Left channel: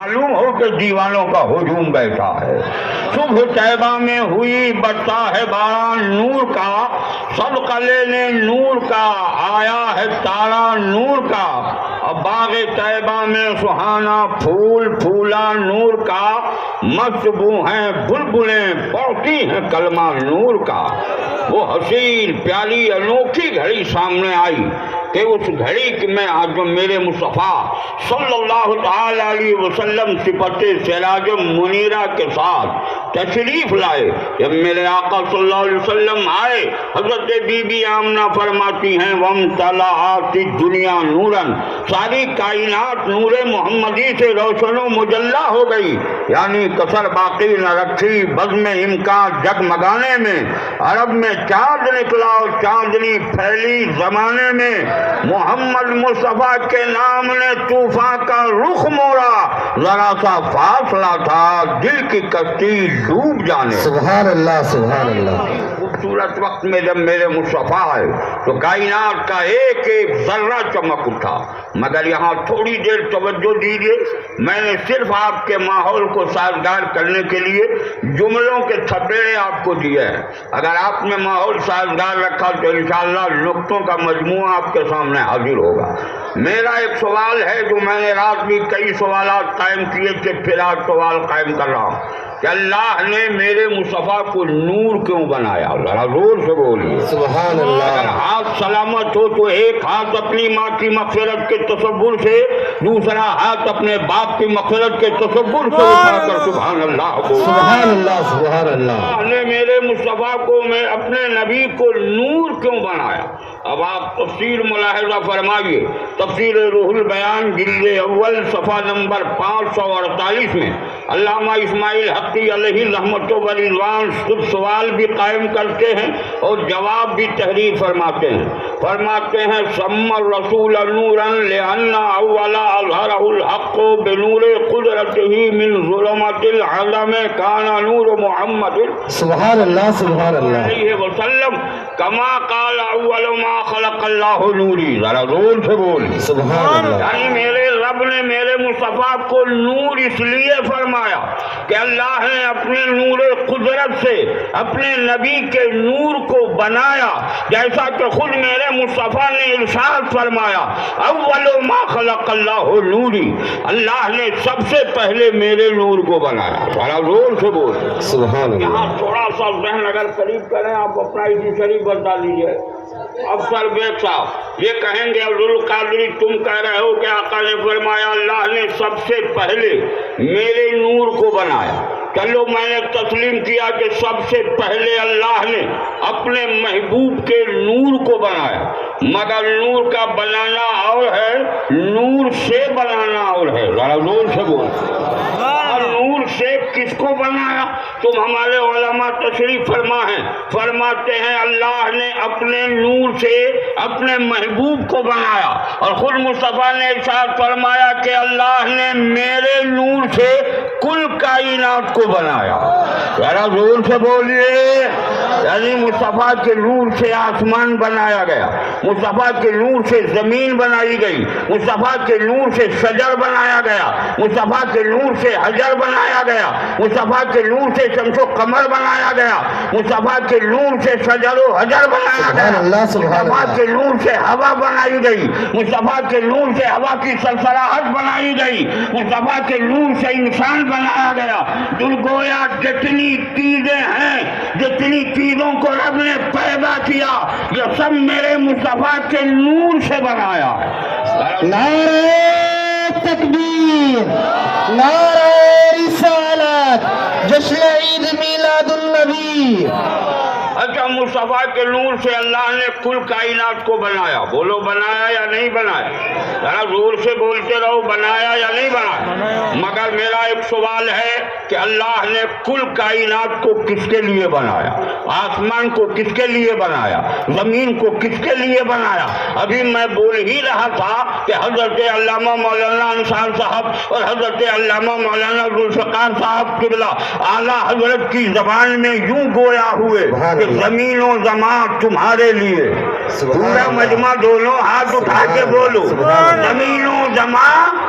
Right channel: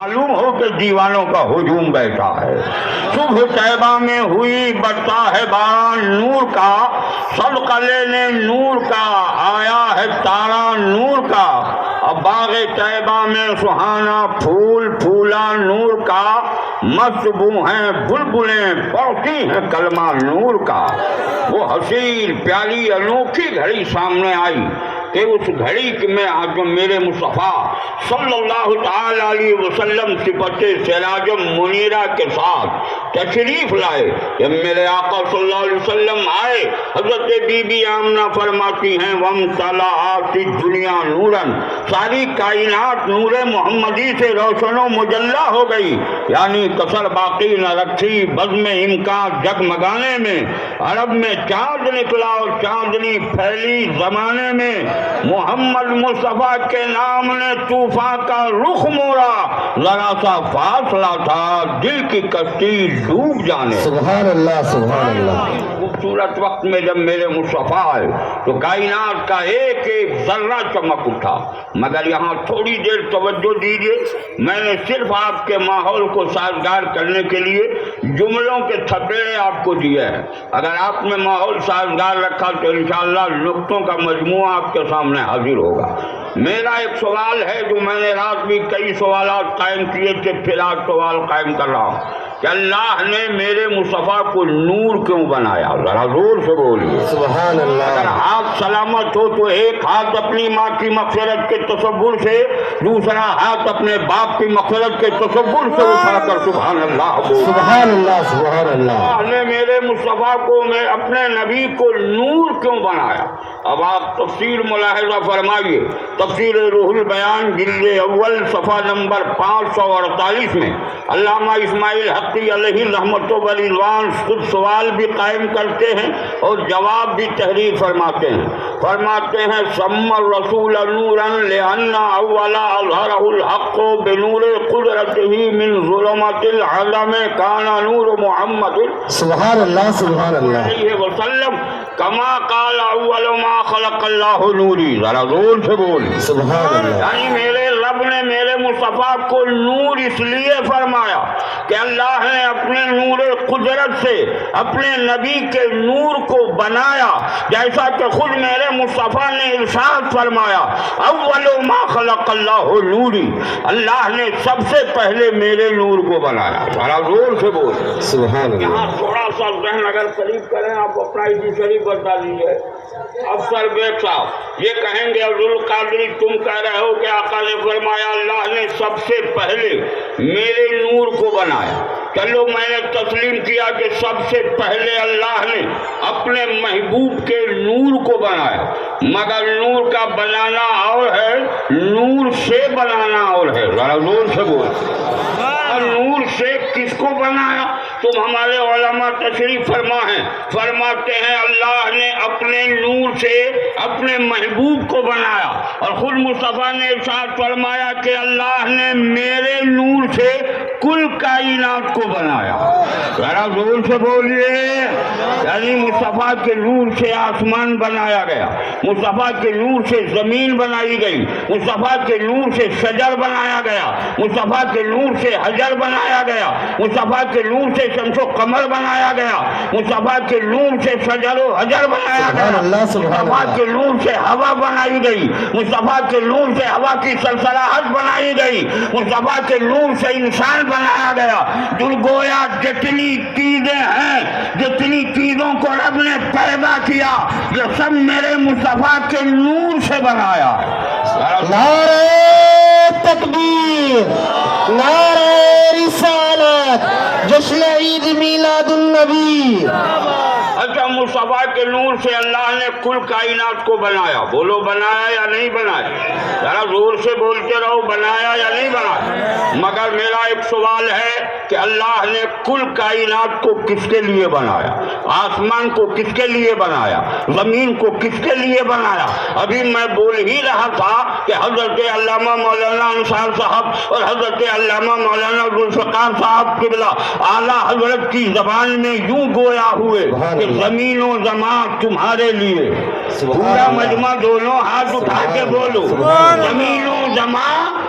معلوم ہو کہ دیوانوں کا ہجوم بیٹھا ہے۔ صبح طیبہ میں ہوئی برتا ہے باران نور کا، سب قلعے نور کا، آیا ہے تارا نور کا۔ اب باغ طیبہ میں سہانا پھول پھولا نور کا، مست بو ہیں بلبلیں پڑھتی ہیں کلمہ نور کا۔ وہ حسین پیالی انوکھی گھڑی سامنے آئی کہ اس گھڑی میں جو میرے مصطفیٰ صلی اللہ تعالی علیہ وسلم صفت سراج منیرہ کے ساتھ تشریف لائے۔ جب میرے آقا صلی اللہ علیہ وسلم آئے، حضرت بی بی آمنہ فرماتی ہیں وَامْتَلَأَتِ الدُّنْيَا نُورًا، ساری کائنات نور محمدی سے روشن و مجلہ ہو گئی، یعنی کسر باقی نہ رکھی بزم امکان جگمگانے میں۔ عرب میں چاند نکلا اور چاندنی پھیلی زمانے میں، محمد مصطفیٰ کے نام نے طوفان کا رخ موڑا، ذرا سا فاصلہ تھا دل کی کشتی ڈوب جانے۔ سبحان اللہ سبحان اللہ۔ خوبصورت وقت میں جب میرے مصطفیٰ آئے تو کائنات کا ایک ایک ذرہ چمک اٹھا، مگر یہاں تھوڑی دیر توجہ دیجیے، میں نے صرف آپ کے ماحول کو سازگار کرنے کے لیے جملوں کے تھپیڑے آپ کو دیے ہیں۔ اگر آپ نے ماحول سازگار رکھا تو انشاءاللہ نقطوں کا مجموعہ آپ کے سامنے حاضر ہوگا۔ میرا ایک سوال ہے جو میں نے رات بھی کئی سوالات قائم کیے تھے، پھر آج سوال قائم کر رہا ہوں کہ اللہ نے میرے مصطفیٰ کو نور کیوں بنایا؟ ذرا زور سے بولیے سبحان اللہ۔ اگر ہاتھ سلامت ہو تو ایک ہاتھ اپنی ماں کی مغفرت کے تصور سے، دوسرا ہاتھ اپنے باپ کی مغفرت کے تصور سے اٹھا کر سبحان اللہ بول۔ سبحان اللہ سبحان اللہ۔ اللہ نے میرے مصطفیٰ کو، میں اپنے نبی کو نور کیوں بنایا؟ اب آپ تفسیر ملاحظہ فرمائیے، تفسیر روح البیان جلد اول صفحہ نمبر 548 میں علامہ اسماعیل حقی علیہ رحمت و رضوان خود سوال بھی قائم کرتے ہیں اور جواب بھی تحریر فرماتے ہیں سم الرسول نورا لأن اول اظہرہ الحق بنور قدرتہ من ظلمات العظم کان نور محمد سبحان اللہ سبحان اللہ علیہ وسلم کما قال اول ما خلق اللہ نوری۔ ذرا زور سے بول سبحان اللہ۔ یعنی میرے رب نے میرے مصطفیٰ کو نور اس لیے فرمایا کہ اللہ نے اپنے نور قدرت سے اپنے نبی کے نور کو بنایا، جیسا کہ خود میرے مصطفیٰ نے ارشاد فرمایا اول ما خلق اللہ نوری، اللہ نے سب سے پہلے میرے نور کو بنایا۔ ذرا زور سے بول سبحان اللہ۔ تھوڑا سا ذہن اگر قریب کریں آپ اپنا اسی شریف بتا دیجیے۔ افسر بیگ صاحب یہ کہیں گے عبد القادری تم کہہ رہے ہو کہ آقا نے فرمایا اللہ نے سب سے پہلے میرے نور کو بنایا۔ چلو میں نے تسلیم کیا کہ سب سے پہلے اللہ نے اپنے محبوب کے نور کو بنایا، مگر نور کا بنانا اور ہے، نور سے بنانا اور ہے۔ ذرا زور سے بول۔ نور سے کس کو بنایا؟ تم ہمارے علماء تشریف فرما ہیں، فرماتے ہیں اللہ نے اپنے نور سے اپنے محبوب کو بنایا، اور خود مصطفیٰ نے ارشاد فرمایا کہ اللہ نے میرے نور سے کل کائنات کو بنایا۔ ذرا زور سے بولیے۔ یعنی مصطفیٰ کے نور سے آسمان بنایا گیا، مصطفیٰ کے نور سے زمین بنائی گئی، مصطفیٰ کے نور سے شجر بنایا گیا، مصطفیٰ کے نور سے حجر بنایا گیا، مصطفیٰ کے نور سے شمس و قمر بنایا گیا، مصطفیٰ کے نور سے شجر و حجر بنایا گیا، مصطفیٰ کے نور سے ہوا بنائی گئی، مصطفیٰ کے نور سے ہوا کی سلسلاہٹ بنائی گئی، مصطفیٰ کے نور سے انسان بنایا گیا۔ گویا جتنی چیزیں ہیں، جتنی چیزوں کو رب نے پیدا کیا، یہ سب میرے مصطفیٰ کے نور سے بنایا۔ نعرہ تکبیر، نعرہ رسالت، جشن عید میلاد النبی۔ اچھا مصطفیٰ کے نور سے اللہ نے کل کائنات کو بنایا، بولو بنایا یا نہیں بنایا؟ ذرا زور سے بولتے رہو، بنایا یا نہیں بنایا؟ مگر میرا ایک سوال ہے کہ اللہ نے کل کائنات کو کس کے لیے بنایا؟ آسمان کو کس کے لیے بنایا؟ زمین کو کس کے لیے بنایا؟ ابھی میں بول ہی رہا تھا کہ حضرت علامہ مولانا انصار صاحب اور حضرت علامہ مولانا ذوالفقار صاحب قبلہ اعلیٰ حضرت کی زبان میں یوں گویا ہوئے کہ زمین و زمان تمہارے لیے۔ پورا مجمع دونوں ہاتھ اٹھا کے بولو، زمین و زمان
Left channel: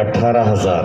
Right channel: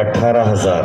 18,000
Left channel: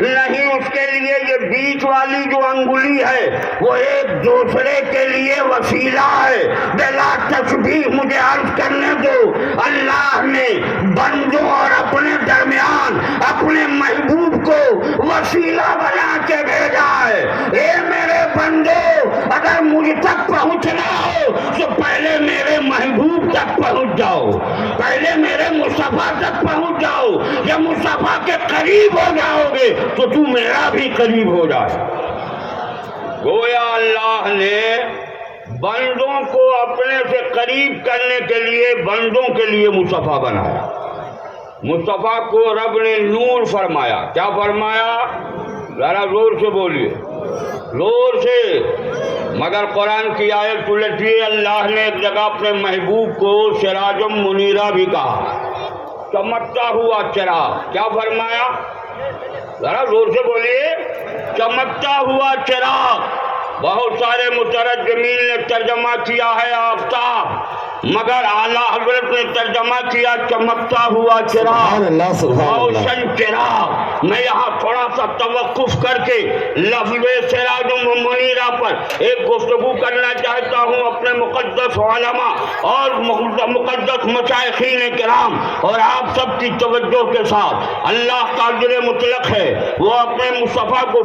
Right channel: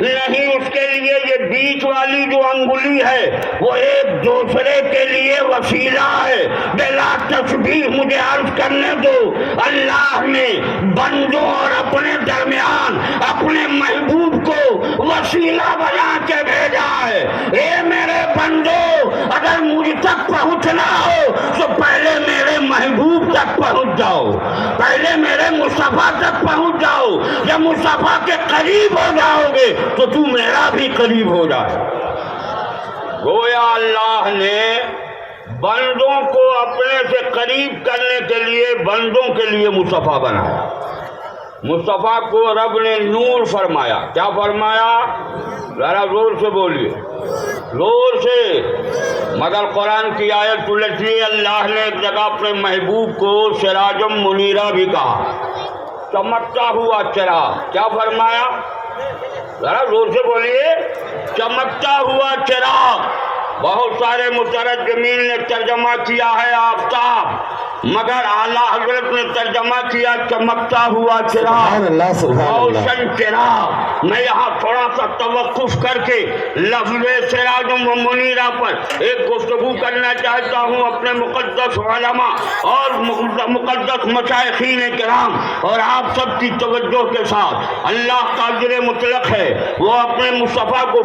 نہیں. اس کے لیے یہ بیچ والی جو انگلی ہے وہ ایک دوسرے کے لیے وسیلہ ہے. بلا تشبیہ مجھے عرض کرنے دو. اللہ نے بندوں اور اپنے درمیان اپنے محبوب کو وسیلہ بنا کے بھیجا ہے. اے میرے بندو اگر مجھ تک پہنچنا ہو تو پہلے میرے محبوب تک پہنچ جاؤ, پہلے میرے مصطفیٰ تک پہنچ جاؤ. جب مصطفیٰ کے قریب ہو جاؤ گے تو تو میرا بھی قریب ہو جائے. گویا اللہ نے بندوں کو اپنے سے قریب کرنے کے لیے بندوں کے لیے مصطفیٰ بنایا. مصطفیٰ کو رب نے نور فرمایا. کیا فرمایا؟ ذرا زور سے بولیے, زور سے. مگر قرآن کی آیت الٹی اللہ نے ایک جگہ اپنے محبوب کو سراجم منیرہ بھی کہا, چمکتا ہوا چراغ. کیا فرمایا؟ ذرا زور سے بولیے, چمکتا ہوا چراغ. بہت سارے مترجمین نے ترجمہ کیا ہے آفتاب, مگر اعلیٰ حضرت نے ترجمہ کیا چمکتا ہوا چراغ, روشن چراغ. میں یہاں تھوڑا سا توقف کر کے لفظ سراج و منیرہ پر ایک گفتگو کرنا چاہتا ہوں اپنے مقدس علماء اور مقدس مشائخین کرام اور آپ سب کی توجہ کے ساتھ. اللہ قادر مطلق ہے, وہ اپنے مصطفیٰ کو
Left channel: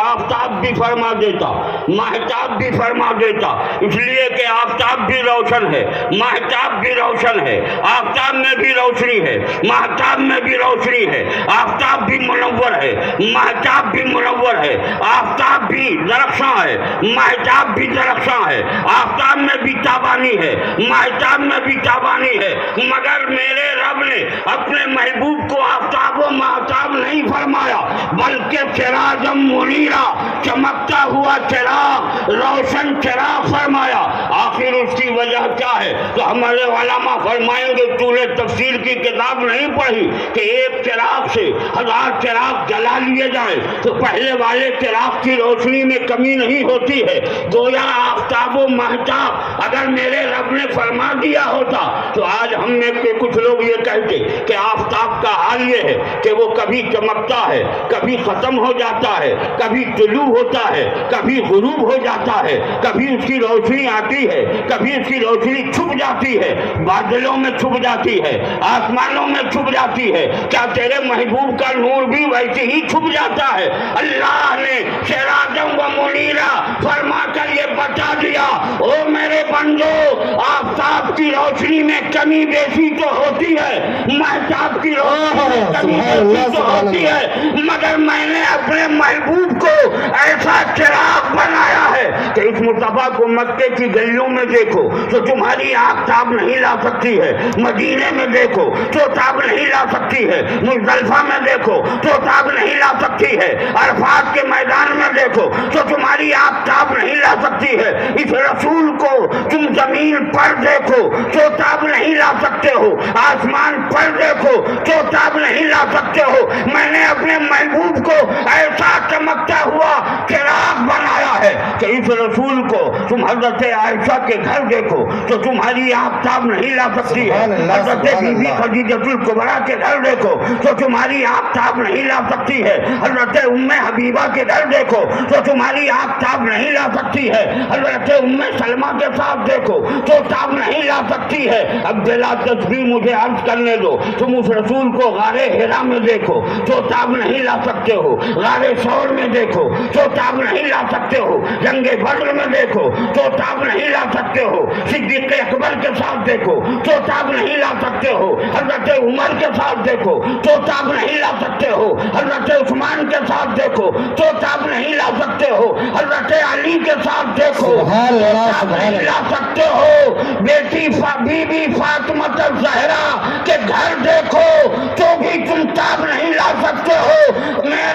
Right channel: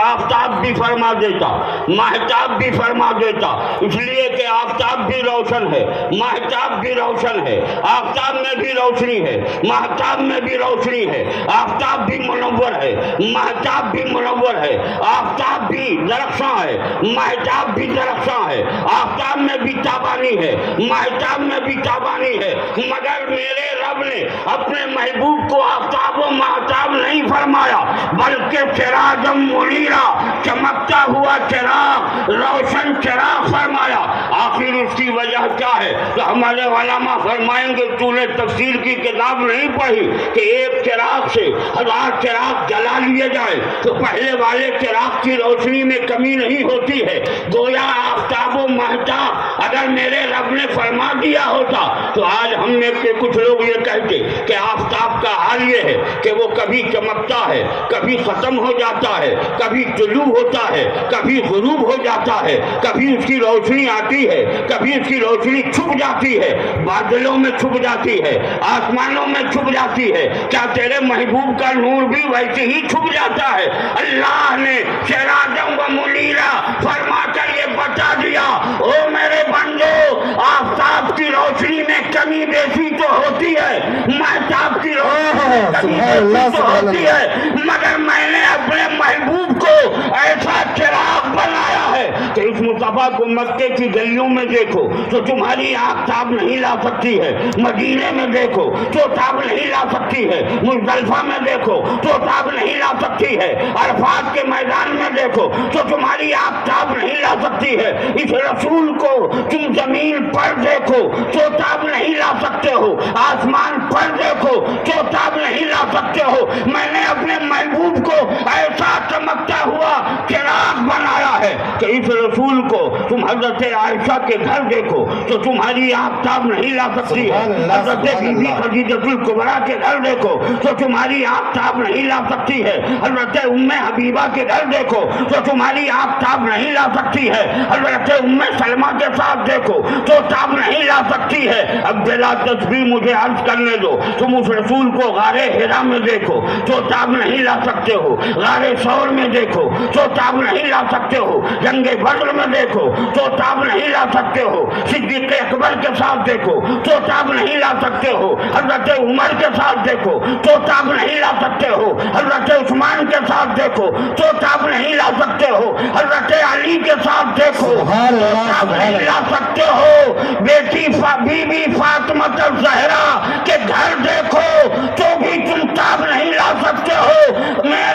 آفتاب بھی فرما دیتا, ماہتاب بھی فرما دیتا, اس لیے کہ آفتاب بھی روشن ہے, ماہتاب بھی روشن ہے, آفتاب میں بھی روشنی ہے, ماہتاب میں بھی روشنی ہے. آفتاب بھی منور ہے, ماہتاب بھی منور ہے. آفتاب بھی درخشاں ہے, ماہتاب بھی درخشاں ہے. آفتاب میں بھی تابانی ہے, ماہتاب میں بھی تابانی ہے. مگر میرے رب نے اپنے محبوب کو آفتاب و ماہتاب نہیں فرمایا بلکہ سراجم منیرہ, چمکتا ہوا چراغ, روشن چراغ فرمایا. آخر اس کی وجہ کیا ہے؟ تو ہمارے علماء فرمائیں گے تو نے تفسیر کی کتاب نہیں پڑھی کہ ایک چراغ سے 1000 چراغ جلا لیے جائے تو پہلے والے چراغ کی روشنی میں کمی نہیں ہوتی ہے. گویا آفتاب و مہتاب اگر میرے رب نے فرما دیا ہوتا تو آج ہم میں سے کچھ لوگ یہ کہتے کہ آفتاب کا حال یہ ہے کہ وہ کبھی چمکتا ہے, کبھی ختم ہو جاتا ہے, کبھی طلوع ہوتا ہے, کبھی غروب ہو جاتا ہے, کبھی اس کی روشنی آتی ہے, کبھی اس کی روشنی چھپ جاتی ہے, بادلوں میں چھپ جاتی ہے, آسمانوں میں چھپ جاتی ہے. کیا تیرے محبوب کا نور بھی ویسے ہی چھپ جاتا ہے؟ اللہ نے سراجم و منیرہ فرما کر یہ بتا دیا, او میرے بندو آفتاب کی روشنی میں کمی بیشی تو ہوتی ہے, مہتاب کی روشنی میں کمی بیشی تو ہوتی ہے, مگر میں نے اپنے محبوب کو ایسا چراغ بنایا ہے کہ اس مصطفیٰ کو مکے کی گلیوں میں دیکھو تو تمہاری آنکھ تاب نہیں لا سکتی ہے, مدینے میں دیکھو تو تاب نہیں لا سکتی ہے, مزدلفہ میں دیکھو تو تاب نہیں لا سکتی ہے, عرفات کے میدان میں دیکھو تو تمہاری آنکھ تاب نہیں لا سکتی ہے. اس رسول کو تم زمین پر دیکھو تو تاب نہیں لا سکتے ہو, آسمان پر دیکھو تو تاب نہیں لا سکتے ہو. میں نے اپنے محبوب کو ایسا چمکتا ہوا چراغ بنایا ہے کہ اس رسول کو تم حضرت عائشہ کے گھر دیکھو تو تمہاری آنکھ تاب نہیں لا سکتی ہے, حضرت بی بی خدیجہ الکبریٰ کے گھر دیکھو تو تمہاری آنکھ تاب نہیں لا سکتی ہے, حضرت ام حبیبہ کے گھر دیکھو تو تمہاری آنکھ تاب نہیں لا سکتی ہے, حضرت ام سلمہ کے ساتھ دیکھو تو تاب نہیں لا سکتی ہے. اب بلا تشبیہ مجھے عرض کرنے دو, تم اس رسول کو غار حرا میں دیکھو تو تاب نہیں لا سکتے ہو, غار ثور میں دیکھو تو تاب نہیں لا سکتے ہو, جنگ بدر میں دیکھو تو تاب نہیں لا سکتے ہو, صدیق اکبر کے ساتھ دیکھو تو تاب نہیں لا سکتے ہو, حضرت عمر کے ساتھ دیکھو تو تاب نہیں لا سکتے ہو, حضرت عثمان کے ساتھ دیکھو تو تاب نہیں لا سکتے ہو, حضرت علی کے ساتھ دیکھو تو تاب نہیں لا سکتے ہو, بیٹی بی بی فاطمہ الزہرا کے گھر دیکھو